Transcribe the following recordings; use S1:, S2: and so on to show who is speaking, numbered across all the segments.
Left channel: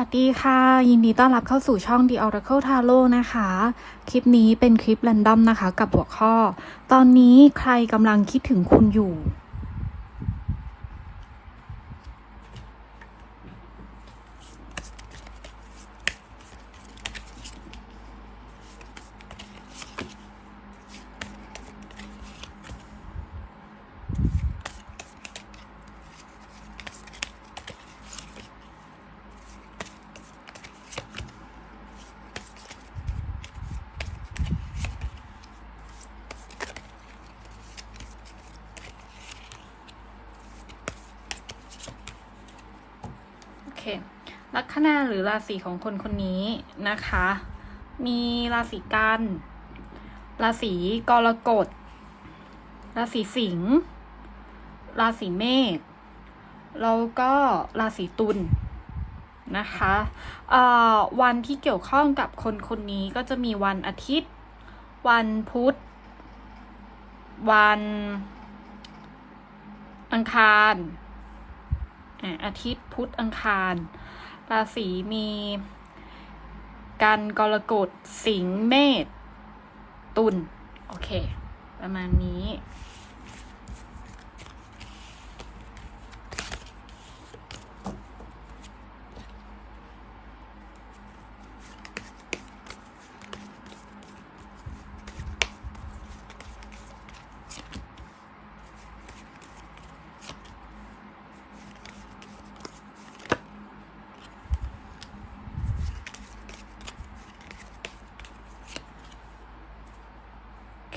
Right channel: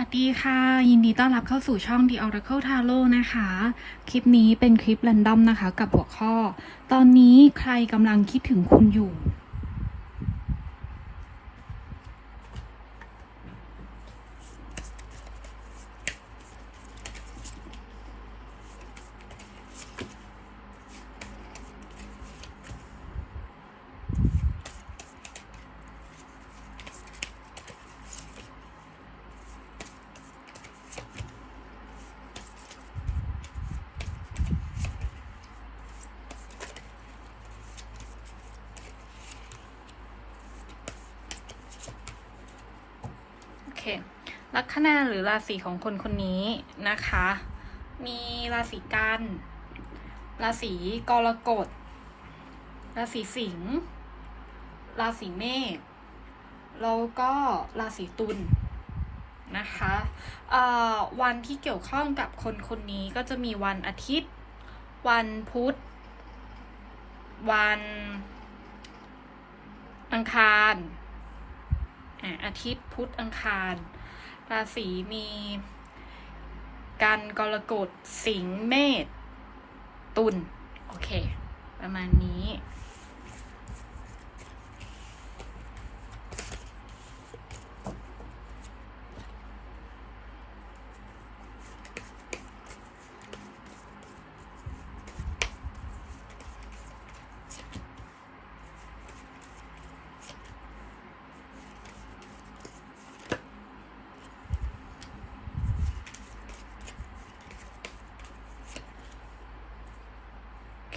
S1: วัสดีค่ะ ยินดีต้อนรับเข้าสู่ช่อง The Oracle Tarot นะคะ คลิปนี้เป็นคลิป r รนดอมนะคะ กับหัวข้อ ตอนนี้ใครกำลังคิดถึงคุณอยู่ เคลัคนาหรือราศีของคนคนนี้นะคะ มีราศีกันราศีกรกฎราศีสิงห์ราศีเมษแล้วก็ราศีตุลนะคะเอ่อวันที่เกี่ยวข้องกับคนคนนี้ก็จะมีวันอาทิตย์ วันพุธ วัน อังคาร อาทิตย์พุธอังคาร ราศีมี กันกรกฎสิงห์เมษตุลโอเค ประมาณนี้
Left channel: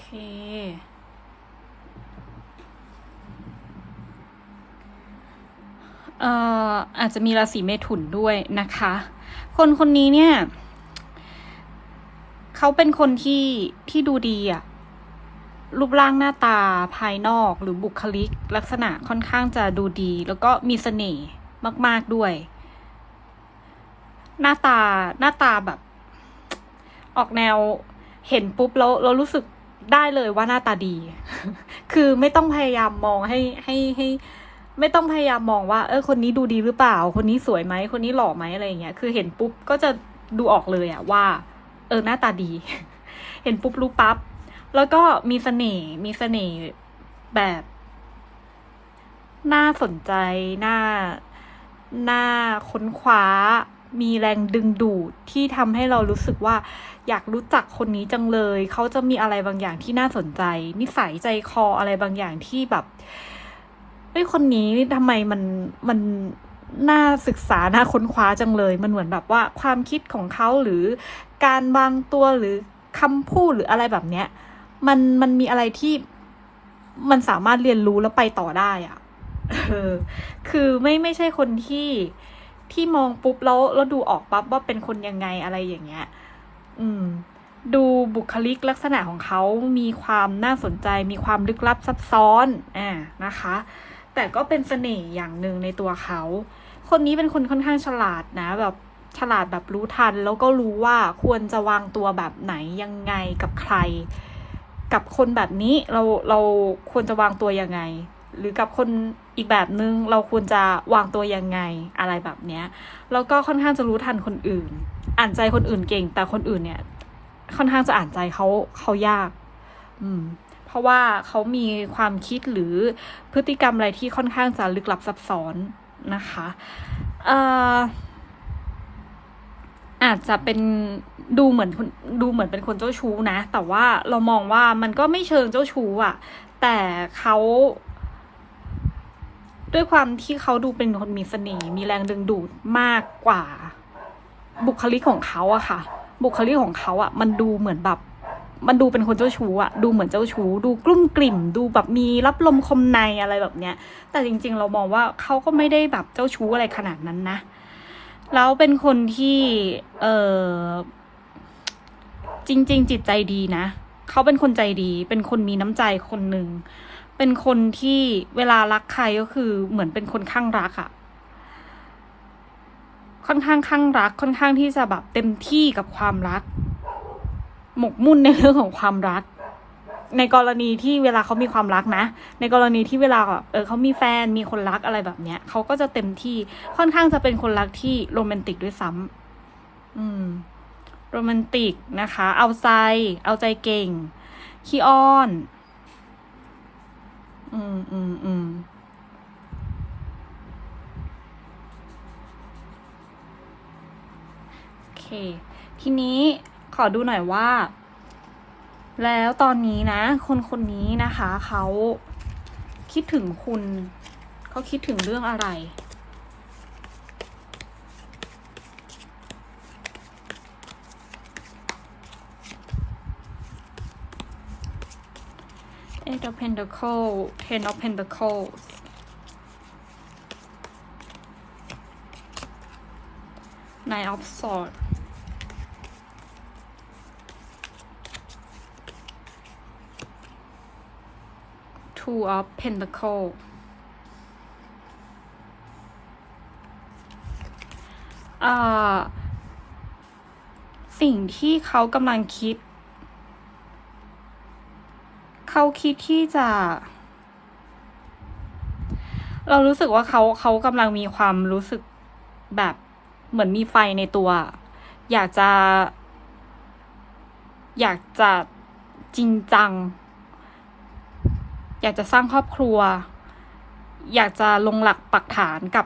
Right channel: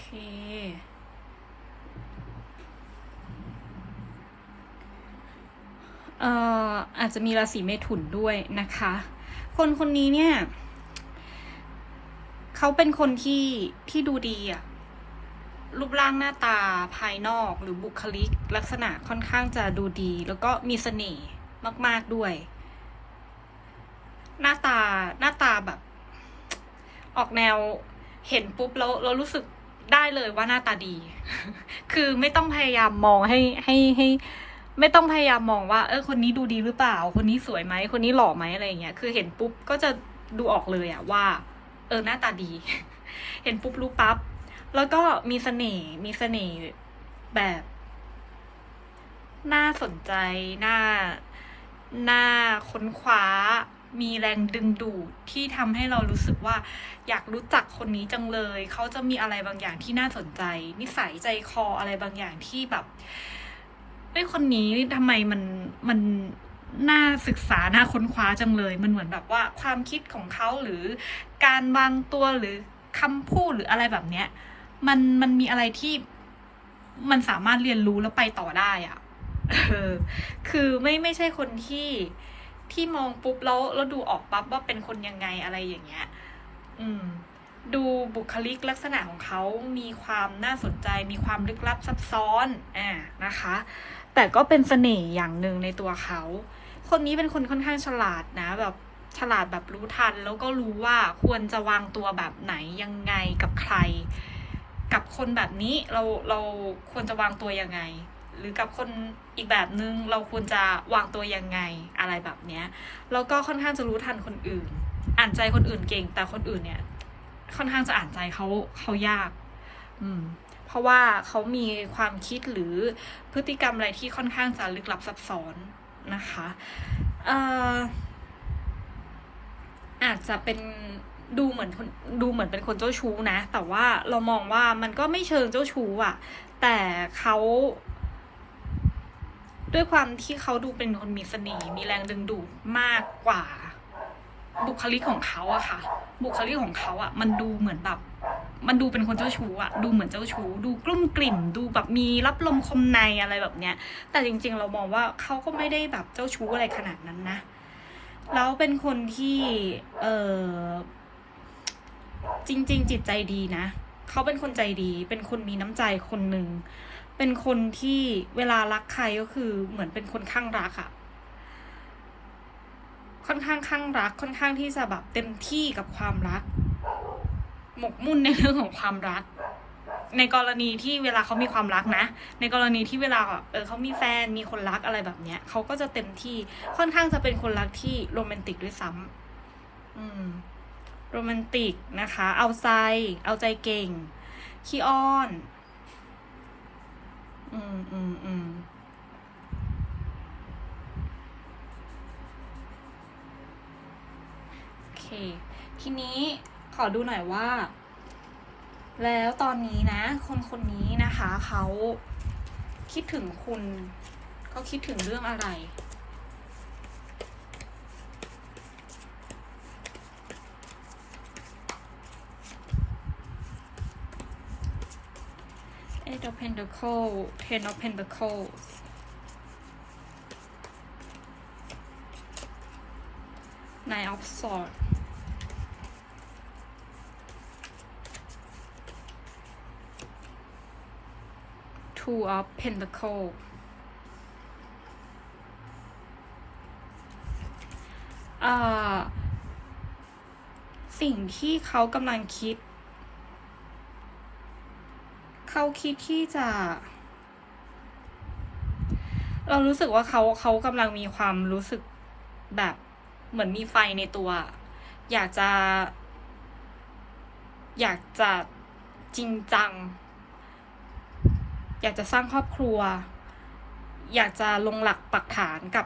S1: เคเอ่ออาจจะมีราศีเมถุนด้วยนะคะ คนคนนี้เนี่ย เขาเป็นคนที่ที่ดูดีอะรูปร่างหน้าตาภายนอกหรือบุคลิก ลักษณะค่อนข้างจะดูดี แล้วก็มีเสน่ห์มาก ๆด้วย หน้าตาหน้าตาแบบ ออกแนวเห็นปุ๊บแล้วเรารู้สึก ได้เลยว่าหน้าตาดี คือไม่ต้องพยายามมองให้ให้ให้ไม่ต้องพยายามมองว่า เออคนนี้ดูดีหรือเปล่า คนนี้สวยไหม คนนี้หล่อไหมอะไรอย่างเงี้ย คือเห็นปุ๊บก็จะดูออกเลยอะว่า เออหน้าตาดี เห็นปุ๊บรู้ปั๊บ แล้วก็มีเสน่ห์ มีเสน่ห์แบบ น่าสนใจ น่า น่าค้นคว้า มีแรงดึงดูดที่ทำให้เรารู้สึกว่า อยากรู้จักคนนี้จังเลย เขาจะมีอะไรบางอย่างที่น่าสนใจ นิสัยใจคออะไรบางอย่างที่แบบเฮ้ยคนนี้ทำไมมันมันน่าศึกษาน่าค้นคว้าจังเลย มันเหมือนแบบว่าความคิดของเขาหรือการวางตัวหรือคำพูดหรืออะไรแบบเนี้ย มันมันมีอะไรที่มันสามารถเรียนรู้แล้วไปต่อได้อะคือไม่ไม่ใช่คนที่ที่มองปุ๊บแล้วแล้วดูออกปั๊บว่าเป็นคนยังไงอะไรอย่างเงี้ย อืม ดูบุคลิกลักษณะของเขามีความน่าสนใจ มีความลึกลับซับซ้อนอ่านะคะ แต่ก็เป็นเสน่ห์อย่างหนึ่งในตัวเขา คนนี้เป็นคนค่อนข้างฉลาดนะแบบฉลาดแบบรู้ทัน แล้วก็รู้ว่าควรจะวางตัวแบบไหนยังไงกับใคร กับคนแบบนี้เราเราควรจะวางตัวยังไง หรือกับคนอีกแบบนึงเราควรจะวางตัวยังไงอะไรแบบเนี้ยแล้วก็ค่อนข้างจะรู้ทันคนอื่น อ่านใจคนอื่นเก่ง แต่คนอื่นเนี่ย ค่อนข้างจะอ่านใจเขาเขายาก อืม เพราะว่าเขามีความคิดหรือพฤติกรรมอะไรที่ค่อนข้างจะลึกลับซับซ้อนนะคะเอ่ออาจจะเป็นดูเหมือนคนดูเหมือนเป็นคนเจ้าชู้นะ แต่ว่าเรามองว่ามันก็ไม่เชิงเจ้าชู้อะแต่เขาด้วยความที่เขาดูเป็นคนมีเสน่ห์มีแรงดึงดูดมากกว่า บุคลิกของเขาอะค่ะ บุคลิกของเขาอะมันดูเหมือนแบบมันดูเป็นคนเจ้าชู้อะดูเหมือนเจ้าชู้ ดูกลุ้มกลิ่ม ดูแบบมีรับลมคมในอะไรแบบเนี้ย แต่จริง ๆ เรามองว่าเขาก็ไม่ได้แบบเจ้าชู้อะไรขนาดนั้นนะ แล้วเป็นคนที่เออจริง ๆ จิตใจดีนะ เขาเป็นคนใจดี เป็นคนมีน้ำใจคนหนึ่ง เป็นคนที่เวลารักใครก็คือเหมือนเป็นคนข้างรักอะ ค่อนข้างข้างรักค่อนข้างที่จะแบบเต็มที่กับความรัก หมกมุ่นในเรื่องของความรัก ในกรณีที่เวลาเขามีความรักนะ ในกรณีที่เวลาเออเขามีแฟนมีคนรักอะไรแบบเนี้ยเขาก็จะเต็มที่ค่อนข้างจะเป็นคนรักที่โรแมนติกด้วยซ้ำอืมโรแมนติกนะคะ เอาใจ เอาใจเก่งขี้อ้อน อืมอืมอืม เค ทีนี้ขอดูหน่อยว่า แล้วตอนนี้นะ คนคนนี้นะคะเขาคิดถึงคุณเขาคิดถึงเรื่องอะไร Eight of Pentacles Ten of Pentacles Nine of Swords าสิ่งที่เขากำลังคิด เขาคิดที่จะ เรารู้สึกว่าเขาเขากำลังมีความรู้สึกแบบเหมือนมีไฟในตัว อยากจะ อยากจะจริงจัง อยากจะสร้างครอบครัว อยากจะลงหลักปักฐานกับ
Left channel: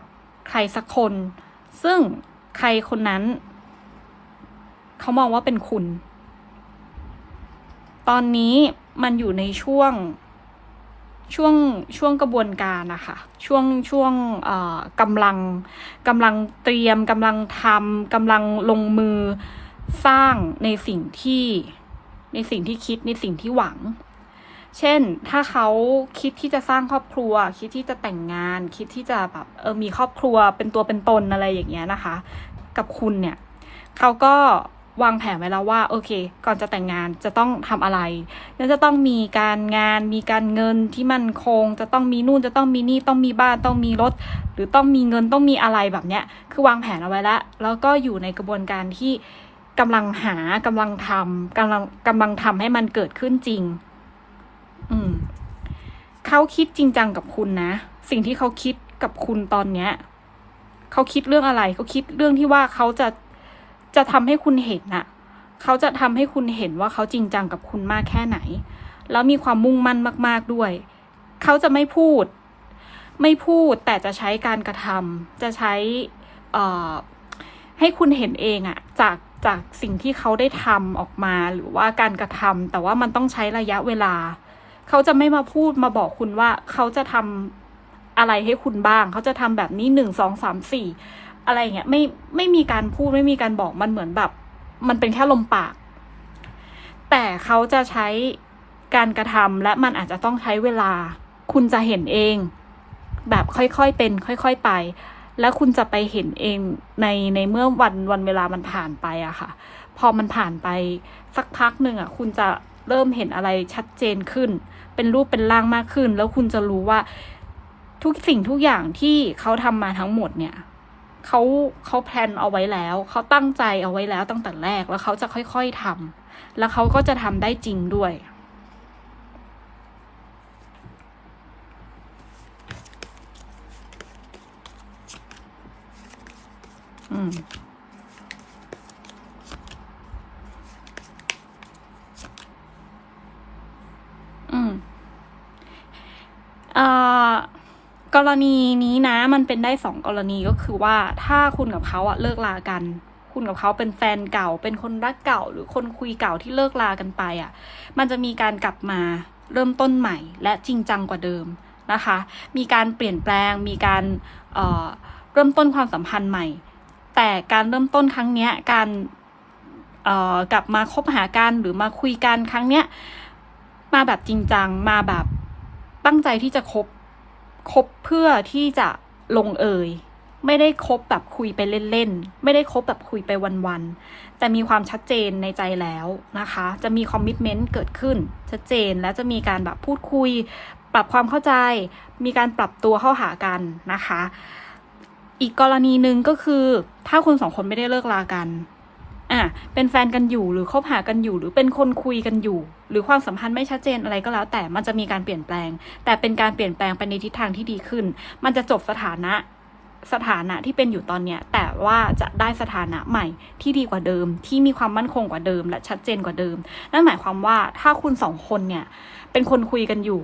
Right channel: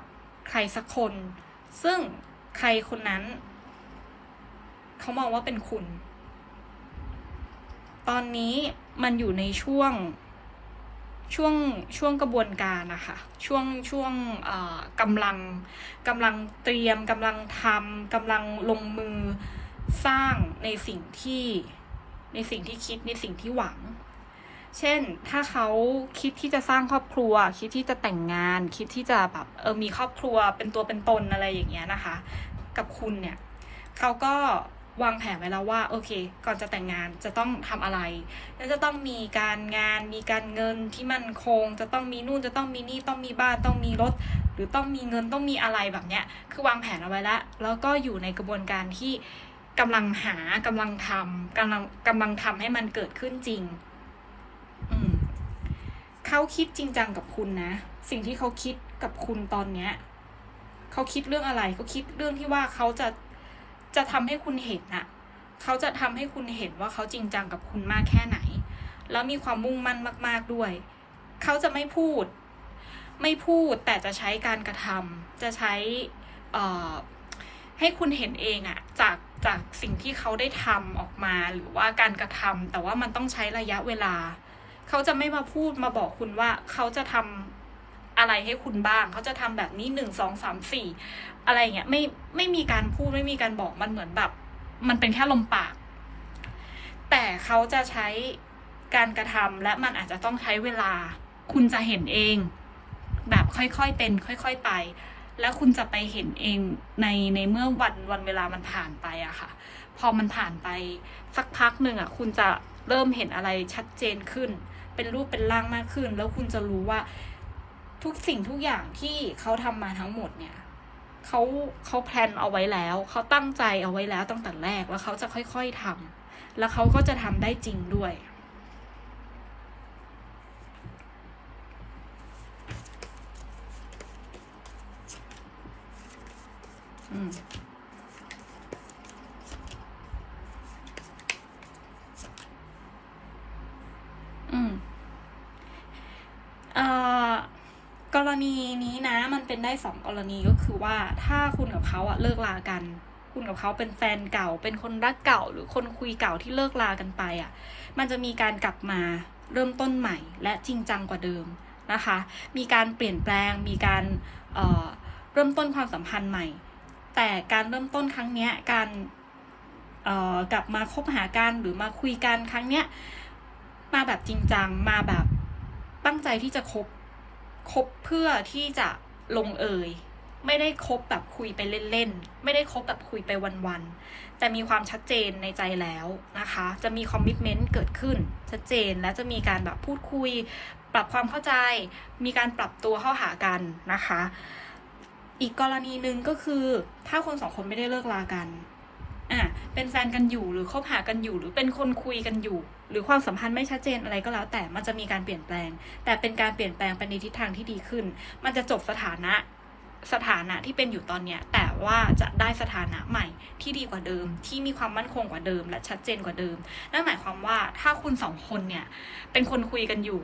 S1: ใครสักคน ซึ่งใครคนนั้น เขามองว่าเป็นคุณ ตอนนี้มันอยู่ในช่วงช่วงช่วงกระบวนการนะคะช่วงช่วงกำลังกำลังเตรียมกำลังทำกำลังลงมือสร้างในสิ่งที่ในสิ่งที่คิดในสิ่งที่หวัง เช่น ถ้าเขาคิดที่จะสร้างครอบครัว คิดที่จะแต่งงาน คิดที่จะแบบเออมีครอบครัวเป็นตัวเป็นตนอะไรอย่างเงี้ยนะคะ กับคุณเนี่ยเขาก็วางแผนไว้แล้วว่าโอเค ก่อนจะแต่งงานจะต้องทำอะไร แล้วจะต้องมีการงานมีการเงินที่มั่นคง จะต้องมีนู่นจะต้องมีนี่ต้องมีบ้านต้องมีรถ หรือต้องมีเงินต้องมีอะไรแบบเนี้ย คือวางแผนเอาไว้แล้ว แล้วก็อยู่ในกระบวนการที่กำลังหากำลังทำกำลังกำลังทำให้มันเกิดขึ้นจริง เขาคิดจริงจังกับคุณนะ สิ่งที่เขาคิดกับคุณตอนเนี้ยเขาคิดเรื่องอะไร เขาคิดเรื่องที่ว่าเขาจะจะทำให้คุณเห็นน่ะเขาจะทำให้คุณเห็นว่าเขาจริงจังกับคุณมากแค่ไหน แล้วมีความมุ่งมั่นมาก ๆด้วย เขาจะไม่พูด ไม่พูดแต่จะใช้การกระทำจะใช้ให้คุณเห็นเองอะจากจากสิ่งที่เขาได้ทำออกมาหรือว่าการกระทำแต่ว่ามันต้องใช้ระยะเวลา เขาจะไม่มาพูดมาบอกคุณว่าเขาจะทำอะไรให้คุณบ้าง เขาจะทำแบบนี้หนึ่งสองสามสี่อะไรเงี้ยไม่ไม่มีการพูดไม่มีการบอกมันเหมือนแบบ มันเป็นแค่ลมปาก แต่เขาจะใช้การกระทำและมันอาจจะต้องใช้เวลา คุณจะเห็นเอง แบบค่อยๆเป็น ค่อย ๆไป แล้วคุณจะไปเห็นเองในในเมื่อวันวันเวลามันผ่านไปอะค่ะ พอมันผ่านไปสักพักหนึ่งอะคุณจะ เริ่มเห็นอะไรชัดเจนขึ้น เป็นรูปเป็นร่างมากขึ้น แล้วคุณจะรู้ว่าทุกสิ่งทุกอย่างที่เขาทำมาทั้งหมดเนี่ยเขาเขาแพลนเอาไว้แล้ว เขาตั้งใจเอาไว้แล้วตั้งแต่แรกแล้วเขาจะค่อยๆทำแล้วเขาก็จะทำได้จริงด้วย อืม อืมเอ่อ กรณีนี้นะมันเป็นได้สองกรณีก็คือว่าถ้าคุณกับเขาอะเลิกลากัน คุณกับเขาเป็นแฟนเก่า เป็นคนรักเก่า หรือคนคุยเก่าที่เลิกลากันไปอะมันจะมีการกลับมาเริ่มต้นใหม่ และจริงจังกว่าเดิมนะคะ มีการเปลี่ยนแปลง มีการเเริ่มต้นความสัมพันธ์ใหม่ แต่การเริ่มต้นครั้งเนี้ยการกลับมาคบหากันหรือมาคุยกันครั้งเนี้ยมาแบบจริงจังมาแบบ ตั้งใจที่จะคบคบเพื่อที่จะลงเอย ไม่ได้คบแบบคุยไปเล่นๆ ไม่ได้คบแบบคุยไปวันๆ แต่มีความชัดเจนในใจแล้วนะคะ จะมีคอมมิชเมนต์เกิดขึ้น ชัดเจนและจะมีการแบบพูดคุย ปรับความเข้าใจ มีการปรับตัวเข้าหากันนะคะ อีกกรณีหนึ่งก็คือถ้าคุณสองคนไม่ได้เลิกลากัน อะเป็นแฟนกันอยู่หรือคบหากันอยู่ หรือเป็นคนคุยกันอยู่ หรือความสัมพันธ์ไม่ชัดเจนอะไรก็แล้ว แต่มันจะมีการเปลี่ยนแปลง แต่เป็นการเปลี่ยนแปลงไปในทิศทางที่ดีขึ้น มันจะจบสถานะสถานะที่เป็นอยู่ตอนเนี้ยแต่ว่าจะได้สถานะใหม่ที่ดีกว่าเดิม ที่มีความมั่นคงกว่าเดิม และชัดเจนกว่าเดิมนั่นหมายความว่าถ้าคุณสองคนเนี่ยเป็นคนคุยกันอยู่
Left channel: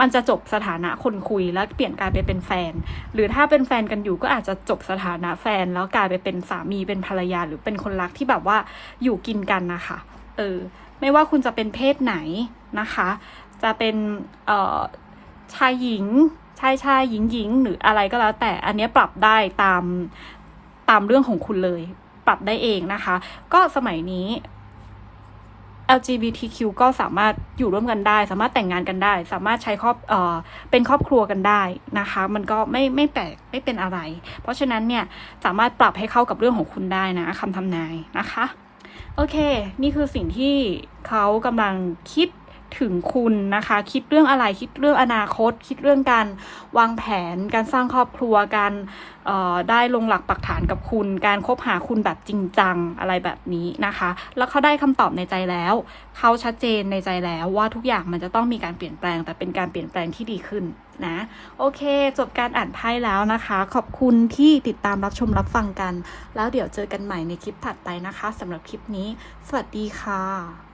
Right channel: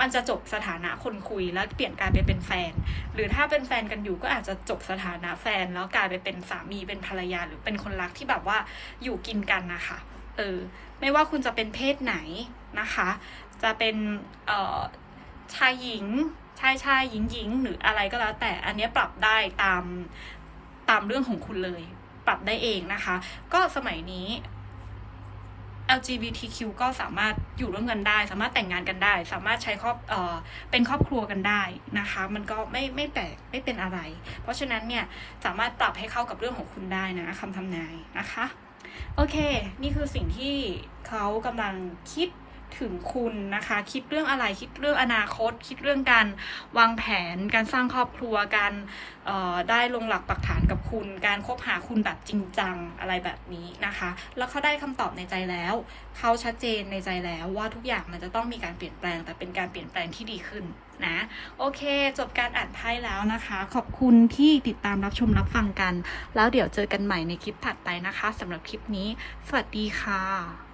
S1: มันจะจบสถานะคนคุยแล้วเปลี่ยนกลายไปเป็นแฟน หรือถ้าเป็นแฟนกันอยู่ก็อาจจะจบสถานะแฟน แล้วกลายไปเป็นสามีเป็นภรรยาหรือเป็นคนรักที่แบบว่าอยู่กินกันนะคะเออไม่ว่าคุณจะเป็นเพศไหนนะคะ จะเป็นเอ่อชายหญิงชายชายหญิงหญิงหรืออะไรก็แล้ว แต่อันนี้ปรับได้ตามตามเรื่องของคุณเลย ปรับได้เองนะคะ ก็สมัยนี้ LGBTQ ก็สามารถอยู่ร่วมกันได้ สามารถแต่งงานกันได้ สามารถใช้ครอบเอ่อเป็นครอบครัวกันได้นะคะ มันก็ไม่ไม่แปลกไม่เป็นอะไร เพราะฉะนั้นเนี่ยสามารถปรับให้เข้ากับเรื่องของคุณได้นะคำทำนายนะคะ โอเค นี่คือสิ่งที่เขากำลังคิด ถึงคุณนะคะ คิดเรื่องอะไรคิดเรื่องอนาคต คิดเรื่องการวางแผน การสร้างครอบครัวการได้ลงหลักปักฐานกับคุณ การคบหาคุณแบบจริงจังอะไรแบบนี้นะคะ แล้วเขาได้คำตอบในใจแล้ว เขาชัดเจนในใจแล้วว่าทุกอย่างมันจะต้องมีการเปลี่ยนแปลง แต่เป็นการเปลี่ยนแปลงที่ดีขึ้นนะ โอเค จบการอ่านไพ่แล้วนะคะ ขอบคุณที่ติดตามรับชมรับฟังกัน แล้วเดี๋ยวเจอกันใหม่ในคลิปถัดไปนะคะสำหรับคลิปนี้ สวัสดีค่ะ